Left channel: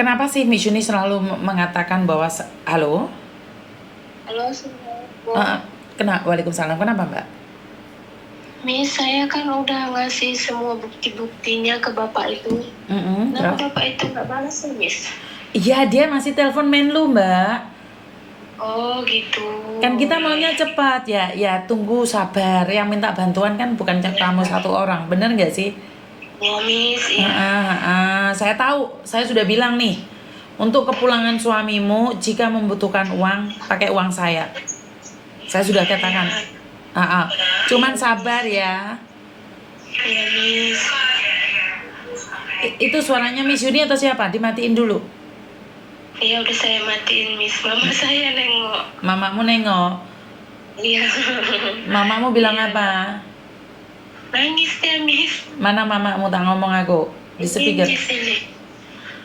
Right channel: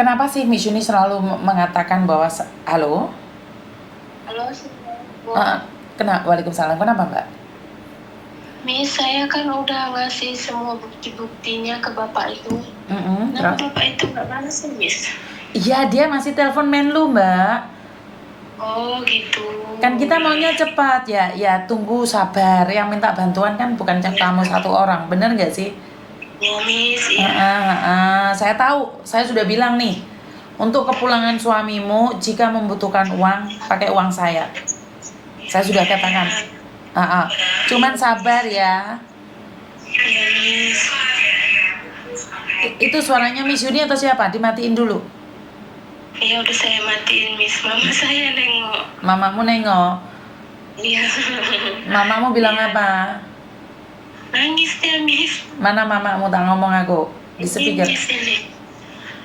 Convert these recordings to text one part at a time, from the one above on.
Kenapa sih Miss Yuni selalu mengatakan bahwa halo? Halo, Assalamualaikum. Waalaikumsalam. Kenapa Mbak? Miss, saya kan udah ngasih semua bukti-buktinya ke Bapak itu. Kenapa Terus? Bapak itu nggak balas ya, Miss? Iya, dia masih telepon Menlu, Mbak. Oh, gitu. Kan kita maunya cepat ya. Ya, tunggu sabar. Yang minta bantuan kan bukan kamu satu orang. Bener nggak sih? Ya, Miss, iya. Saya tahu. Saya sudah bilang nih. Untuk kepulangan suamimu, jika membutuhkan uang, pakai uang saya. Saya sudah katakan. Cuman sabar ya. Iya, Miss. Itu suaranya Miss Yuni atau siapa? Dimatiin dulu. Iya, udah saya matiin, Miss. Mama saya nengok. Mamamu nengok. Iya. Mamamu bilang apa? Nangis dia, Miss. Mana mamamu, tak ngomong aku di speaker.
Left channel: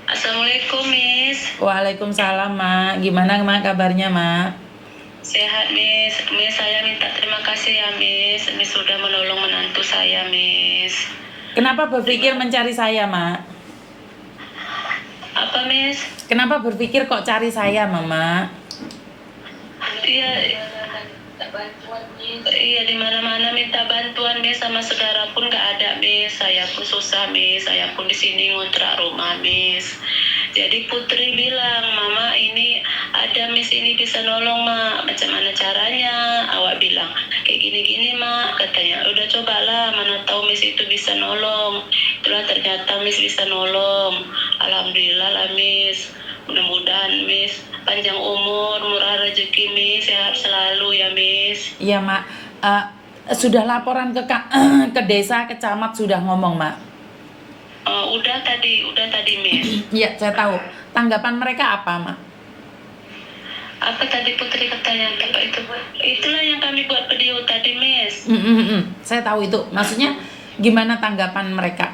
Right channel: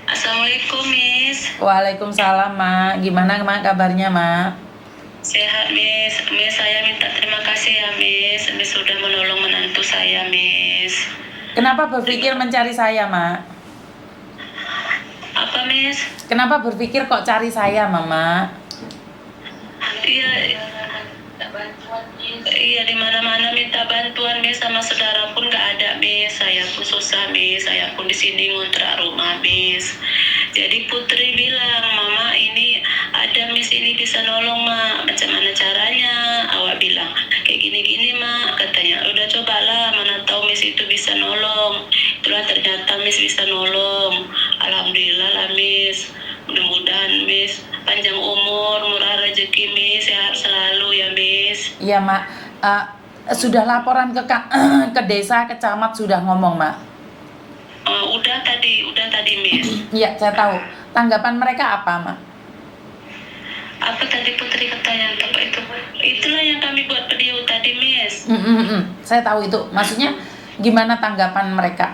Assalamualaikum, Miss. Waalaikumsalam, Mak. Gimana Mak kabarnya, Mak? Sehat, Miss. Miss, saya minta terima kasih ya, Miss. Miss sudah menolong menantu saya, Miss. Kenapa berpikir mencari saya, Mak? Apa, Miss? Kenapa berpikir kok cari saya, Mama? Iya, di mana-mana minta bantuan, Miss, sama saudara pun nggak ada, Miss. Saya pun susah, Miss. Saya pun di sini ngontrak rumah, Miss. Jadi Putri bilang, Mama ini ada Miss ini bisa nolong, Mak. Macam mana caranya? Awak bilang, kayak gini-gini, Mak. Katanya, udah cobalah, mana tahu Miss itu bisa nolong. Itulah ternyata Miss bisa nolong. Alhamdulillah lah, Miss. Mudah-mudahan Miss panjang umur, murah rezeki, Miss, sehat selalu ya, Miss. Iya, Mak. Sudah laporan ke desa, ke camat sudah ngomong, Mak? Udah tadi, Miss. Iya, saya tahu. Tanggapan mereka apa, Mak? Apa tadi Putri katanya? Apa itu? Itulah yang kami buat video tadi, Miss. Saya tahu itu. Maksudnya gimana tanggapan mereka?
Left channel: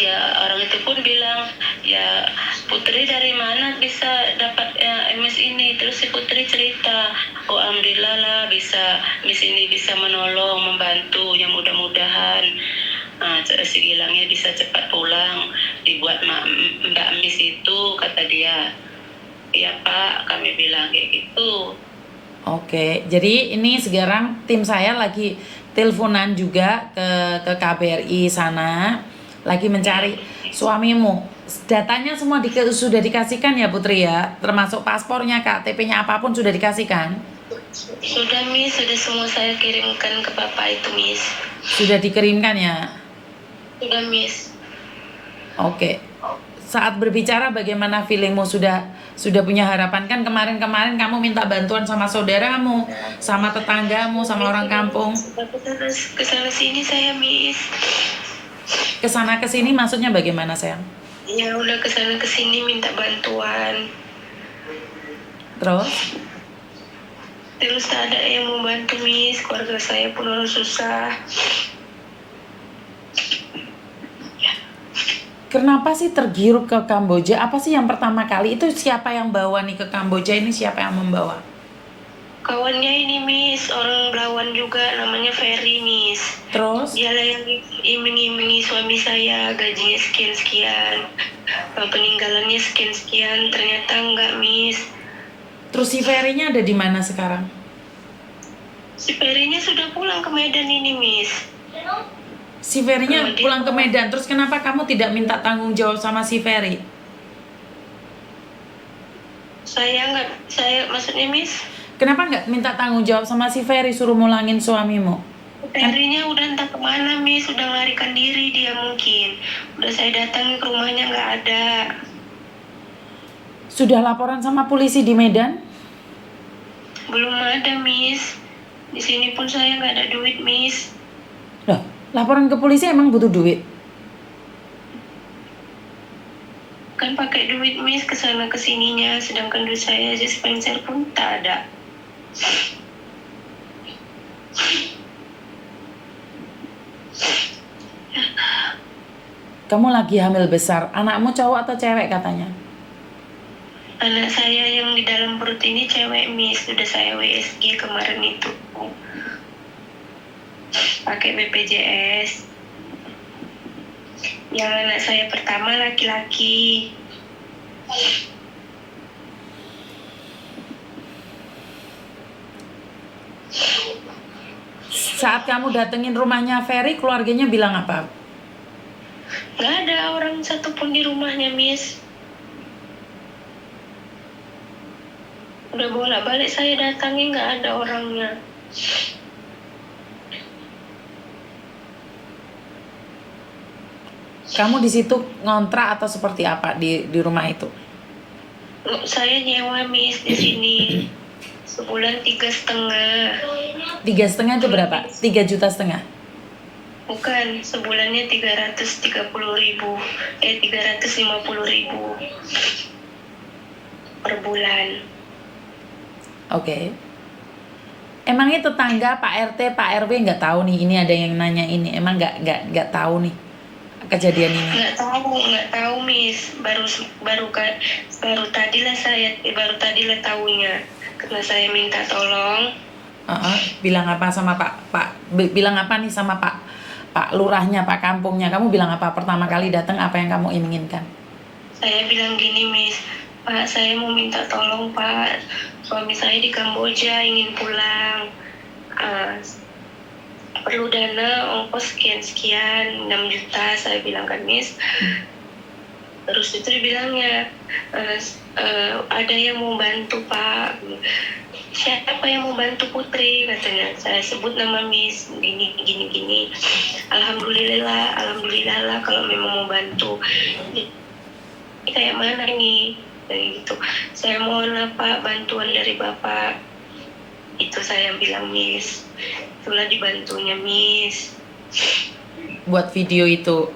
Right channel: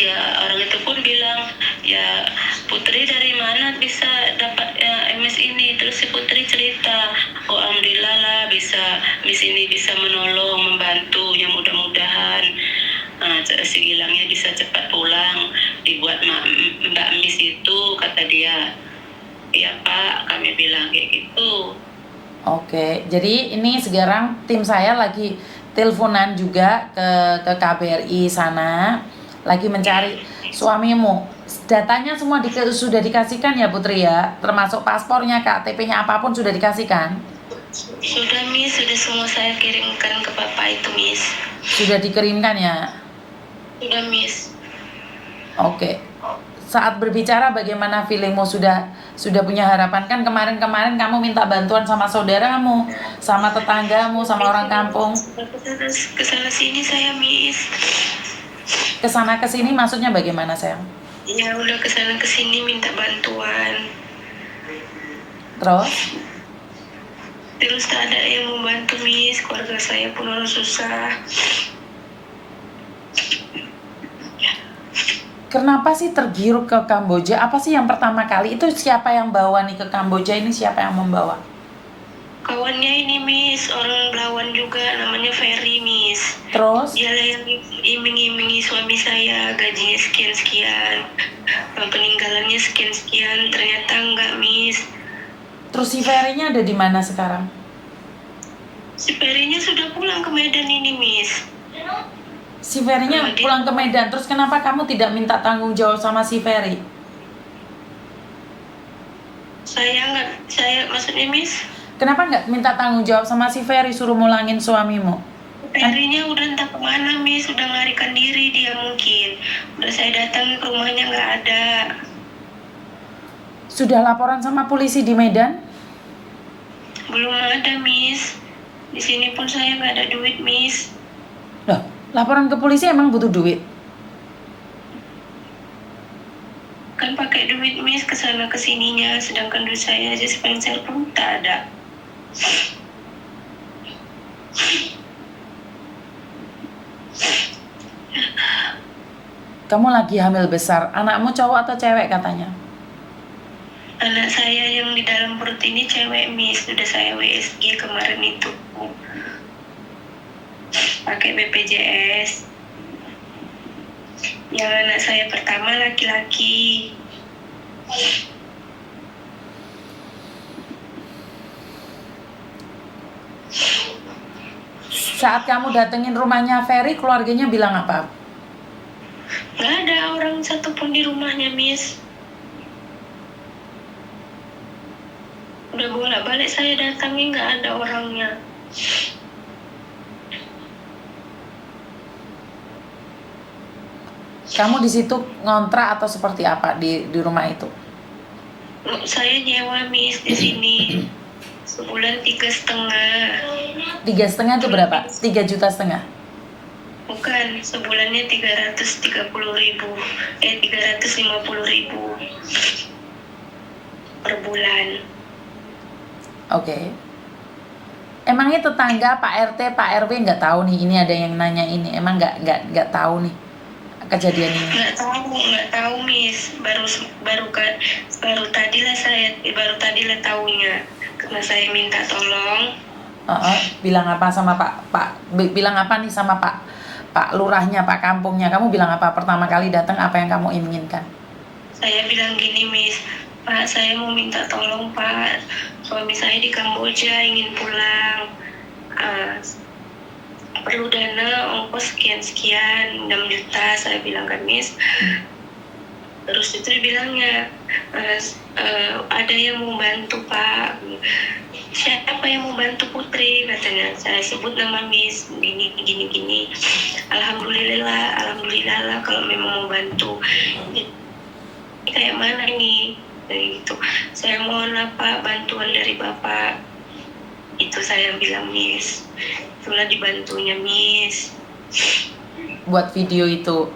Ya, orang itu pun bilang, ya Putri dari mana bisa dapat Miss ini? Terus si Putri cerita, oh alhamdulillah lah bisa Miss ini bisa menolong, membantu, yang mudah-mudahan si Gilangnya bisa cepat pulang, dibuat Mbak Miss itu, kata dia. Iya Pak, kami bilang kayak gitu. Oke, jadi ini sekarang tim saya lagi teleponan juga ke KBRI sana, lagi mencari suamimu. Datanya semua sudah dikasihkan ya Putri ya, termasuk paspornya, KTP-nya apapun sudah dikasihkan? Sudah, Miss, sudah semua saya kirimkan ke Bapak itu, Miss. Sudah dikirimkan ya? Sudah, Miss. Oke. Saat berbicara bagaimana feelingmu, sudah punya harapan kan? Kemarin kamu minta bantuan sama saudaramu, sama tetanggamu, sama orang kampung. Kesana sini saya, Miss. Kesana kesini maksudnya bagaimana, sayang? Ya udah kesana kesini minta bantuan. Terus tak ada yang mau bantu, Miss. Keluarga saya pun orang susah. Kenapa sih tergiur ke Kamboja? Apa sih yang pertama kali? Itu siapa yang bawa nih ke Kamboja ini? Siapa yang membawa? Kawannya ini, Miss, orang Belawan juga, namanya Ferry, Miss. Terus? Dialah yang iming-imingi suami saya, gajinya sekian-sekian, peninggalannya sekian-sekian. Ternyata enggak, Miss. Terus si Ferry-nya ada di mana sekarang? Si Ferry-nya sudah pulang ke Medan ini, Miss. Si Ferry-nya pulang ke Medan, terus kenapa kamu tidak minta tanggung jawab sama si Ferry? Maksudnya, Miss? Kenapa nggak minta tanggung jawab sama si Ferry, suruh mulangin suamimu? Ferry-nya udah entah kemana, Miss, udah melarikan diri dia mungkin. Udah saya datang ke rumahnya nggak ada. Sudah laporan sama polisi di Medan? Belum ada, Miss. Di sini pun saya nggak ada duit, Miss. Loh, laporan ke polisi emang butuh duit? Kan pakai duit, Miss, kesana kesininya, sedangkan duit saya aja sepeser pun tak ada. Kamu lagi hamil besar, anakmu cowok atau cewek katanya? Anak saya yang di dalam perut ini cewek, Miss. Sudah saya WSG kemarin itu. Pakai BPJS. Yang anak saya pertama laki-laki. Saat kamu datengin rumahnya Ferry, keluarganya bilang apa? Nggak ada orang satupun di rumahnya, Miss. Udah bolak-balik saya datangi, nggak ada orangnya. Kamu di situ ngontrak atau seperti apa di rumah itu? Saya nyewa, Miss, di sini. Sebulan 3,5. 3,5 itu berapa? 3,5 juta? Bukan, sebulannya 330.000. 350.000 per bulan. Oke. Emangnya tetangga Pak RT, Pak RW nggak tahu nih ini ada yang nanya ini? Emang nggak tahu nih kejadian ini? Nggak tahu, Miss. Baru tadilah tahunya. Karena saya minta tolong. Bilang apa sama bilang apa nih sama Pak Lurahnya, Pak Kampungnya? Kamu bilang apa pertama kali datang, apa yang kamu inginkan? Saya bilang gini, Miss. Pak, saya mau minta tolong, Pak. Suami saya di Kamboja ingin pulang. Perlu dana ongkos sekian-sekian, 6 juta, saya bilang kan, Miss. Terus itu dibilangnya, ada yang mau bantu, Pak. Siapa yang mau bantu Putri, katanya. Saya sebut nama Miss, gini. Alhamdulillah lah kalau memang mau bantu. Jadi, kayak mana ini? Kayak gitu. Saya mohon apa bantuan dari Bapak. Itu saya bilang, Miss. Itulah dibantunya, Miss. Buat video itu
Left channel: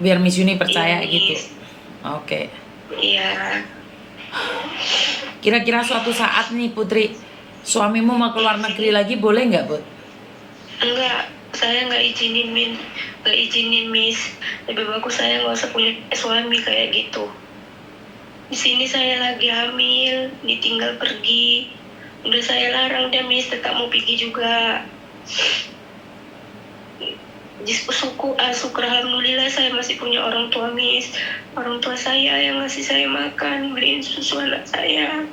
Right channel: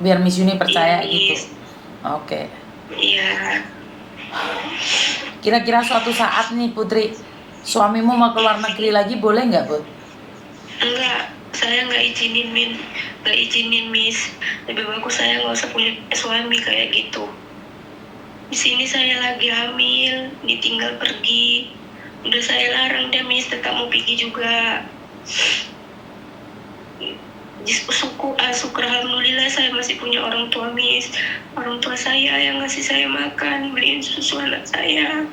biar Miss Yuni percaya, iya, gitu. Oke. Iya. Kira-kira suatu saat nih Putri, suamimu mau keluar negeri lagi, boleh nggak, Bud? Enggak, saya nggak izinin, Miss. Lebih bagus saya nggak usah punya suami kayak gitu. Di sini saya lagi hamil, ditinggal pergi. Udah saya larang dia, Miss, tetap mau pergi juga. Syukur alhamdulillah saya masih punya orang tua, Miss. Orang tua saya yang ngasih saya makan, beliin susu anak saya.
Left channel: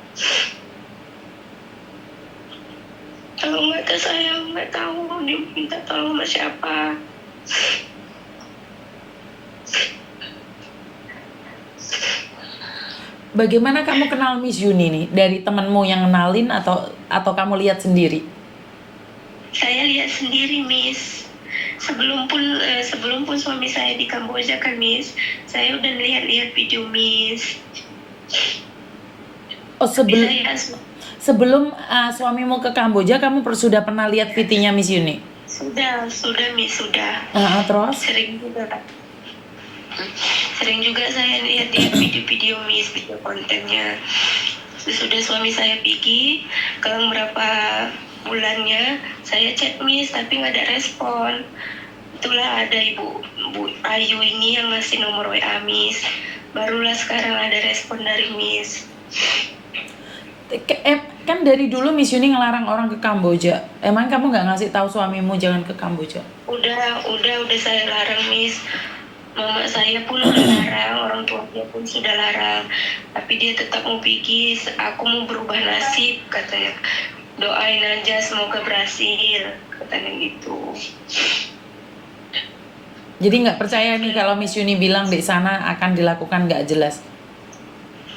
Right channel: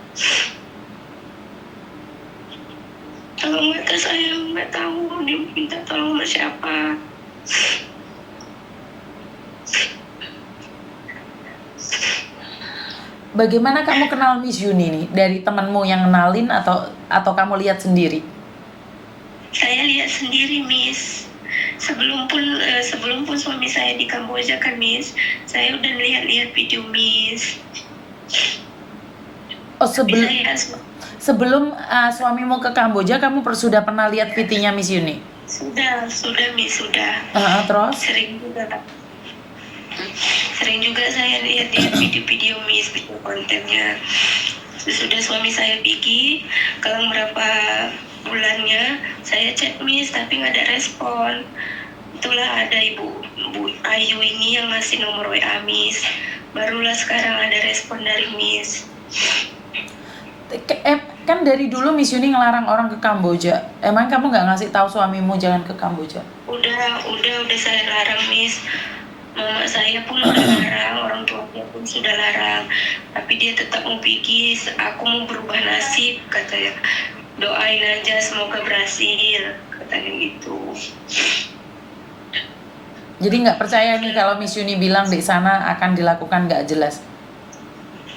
Kalau nggak tahu, saya nggak tahu dia minta tolong sama siapa. Bagaimana kamu kenal Miss Yuni nih? Dari temanmu yang kenalin atau kamu lihat sendiri? Saya lihat sendiri, Miss. Sebelum pun suami saya di Kamboja kan, Miss, saya udah lihat video, Miss. Oh, sebelum suamimu ke Kamboja, kamu sudah pernah lihat videonya Miss Yuni? Sudah, Miss, sudah. Terus? Sering juga saya lihat video-video, Miss, video kontennya. Sudah suami saya pergi, kalau berapa bulannya saya chat, Miss, tapi nggak ada respon. Itulah ada Bu Ayu ini yang ngasih nomor WA, Miss. Barulah sekarang ada respon dari Miss. Kan dari dulu Miss Yuni ngelarang orang ke Kamboja. Emang kamu nggak ngasih tahu suamimu jangan ke Kamboja? Udah saya larang, Miss. Mama saya pun udah larang, orang tuanya pun sudah larang. Tapi dia tetap mau pergi. Aku mau berubah nasib, katanya. Doain aja semoga berhasil, katanya gitu. Jadi nggak percaya nih kalau Miss Yuni bilang di sana akan dilakukan nggak jelas?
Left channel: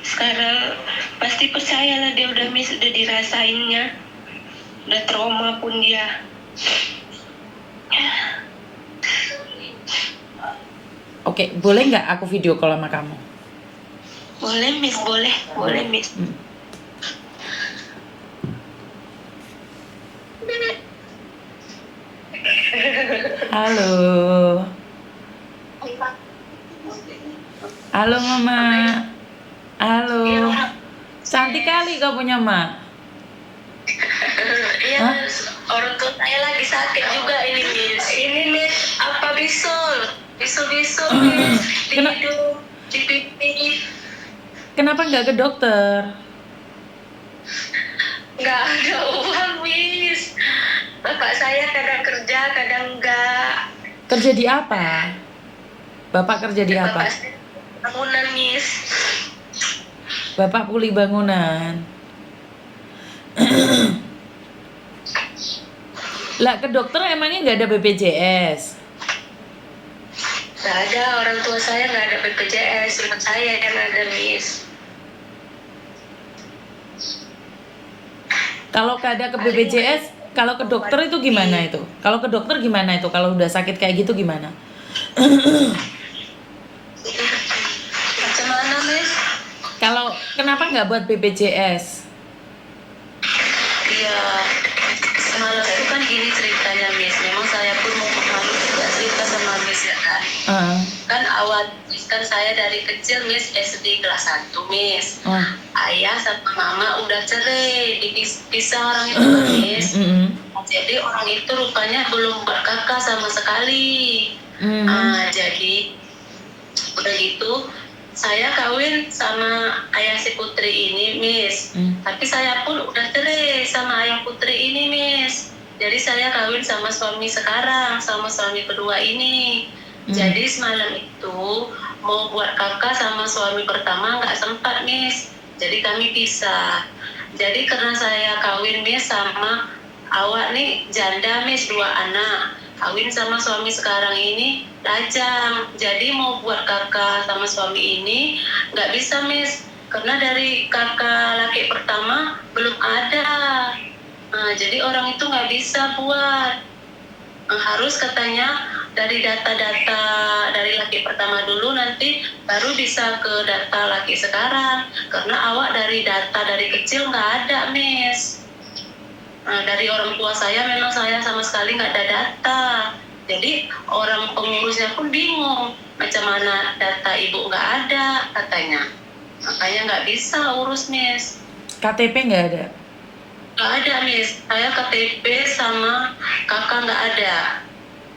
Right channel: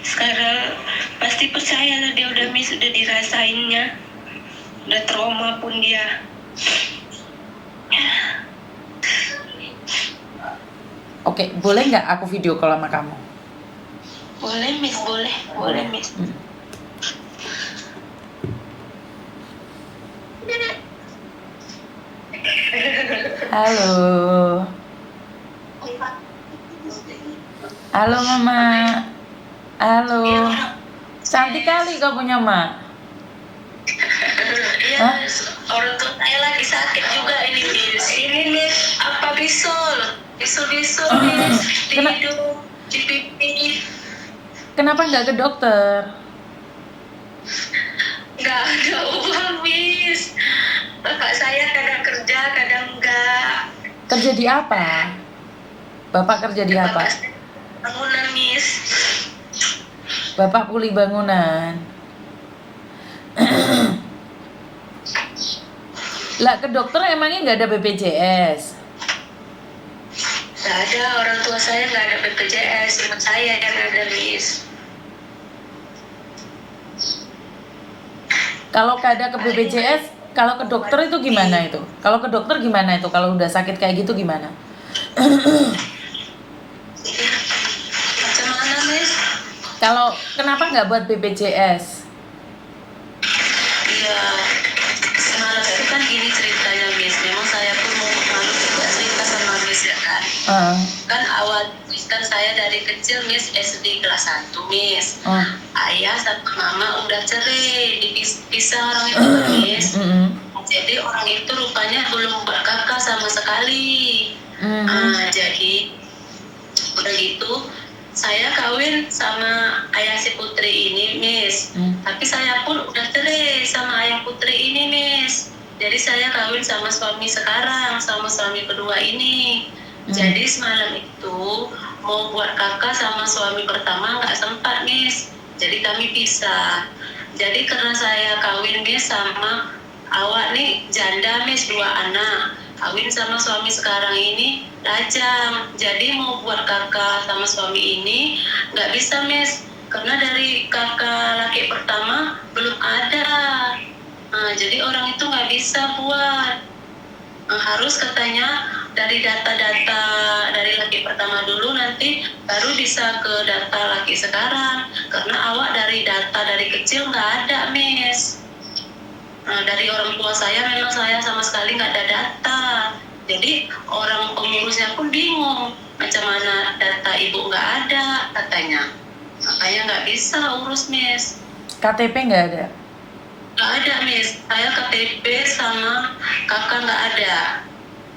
Sekarang pasti percayalah, dia udah, Miss, udah dirasainnya. Udah trauma pun dia. Oke, boleh nggak aku video call sama kamu? Boleh, Miss, boleh, Miss. Halo Mama. Halo. Cantik kali kau punya Mak. Iya, orang tua saya lagi sakit juga ini, Miss. Ini, Miss, apa bisul, Miss, di hidung, di pipi. Kenapa nggak ke dokter? Nggak ada uang, Miss. Bapak saya kadang kerja, kadang enggak. Kerja di apa? Bapak kerja di apa? Bapak saya bangunan, Miss. Bapak puli bangunan. Lah ke dokter emangnya nggak ada BPJS? Nggak ada, orang tua saya nggak ada BPJS, cuma saya yang ada, Miss. Kalau nggak ada ke BPJS, kalau ke dokter itu gimana itu? Kalau ke dokter gimana itu? Kalau udah sakit kayak gitu gimana? Macam mana, Miss? Kalau kenapa nggak buat BPJS? Iya, semalam itu kan gini ceritanya, Miss. Memang saya pun mau malu juga cerita sama Miss ya kan. Kan awal kan saya dari kecil, Miss, SD kelas 1, Miss. Ayah sama mama udah cerai, dipisah orang itu kan, Miss. Jadi orang itu rupanya belum berkakak sama sekali. Jadi udah gitu saya kawin sama ayah si Putri ini, Miss. Tapi saya pun udah cerai sama ayah Putri ini, Miss. Jadi saya kawin sama suami sekarang, sama suami kedua ini. Jadi semalam itu mau buat kakak sama suami pertama nggak sempat, Miss. Jadi kami pisah. Jadi karena saya kawin, Miss, sama awak nih janda, Miss, 2 anak. Kawin sama suami sekarang ini lajang. Jadi mau buat kakak sama suami ini nggak bisa, Miss. Karena dari kakak laki pertama belum ada. Jadi orang itu nggak bisa buat. Harus katanya dari data-data dari laki pertama dulu, nanti baru bisa ke data laki sekarang. Karena awak dari data dari kecil nggak ada, Miss. Dari orang tua saya memang saya sama sekali nggak ada data. Jadi orang pengurusnya pun bingung macam mana data ibu nggak ada katanya. Makanya nggak bisa urus, Miss. KTP nggak ada? Nggak ada, Miss. Saya KTP sama kakak nggak ada.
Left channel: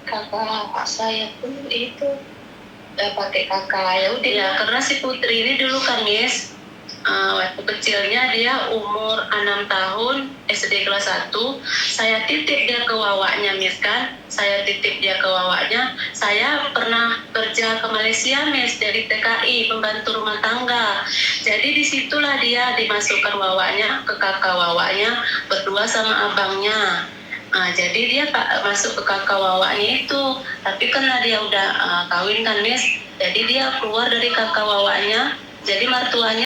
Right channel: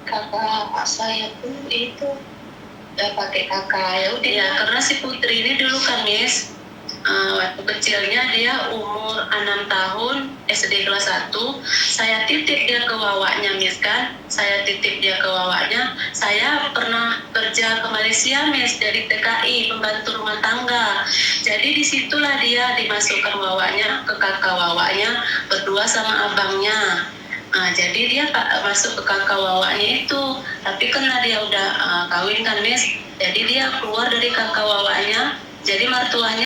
Kakak saya pun itu nggak pakai kakak, ya udah ya. Karena si Putri ini dulu kan, Miss, waktu kecilnya dia umur 6 tahun, SD kelas 1, saya titip dia ke wawaknya, Miss, kan. Saya titip dia ke wawaknya. Saya pernah kerja ke Malaysia, Miss, dari TKI, pembantu rumah tangga. Jadi disitulah dia dimasukkan wawaknya ke kakak wawaknya berdua sama abangnya. Jadi dia masuk ke kakak wawaknya itu. Tapi karena dia udah kawin kan, Miss, jadi dia keluar dari kakak wawaknya. Jadi mertuanya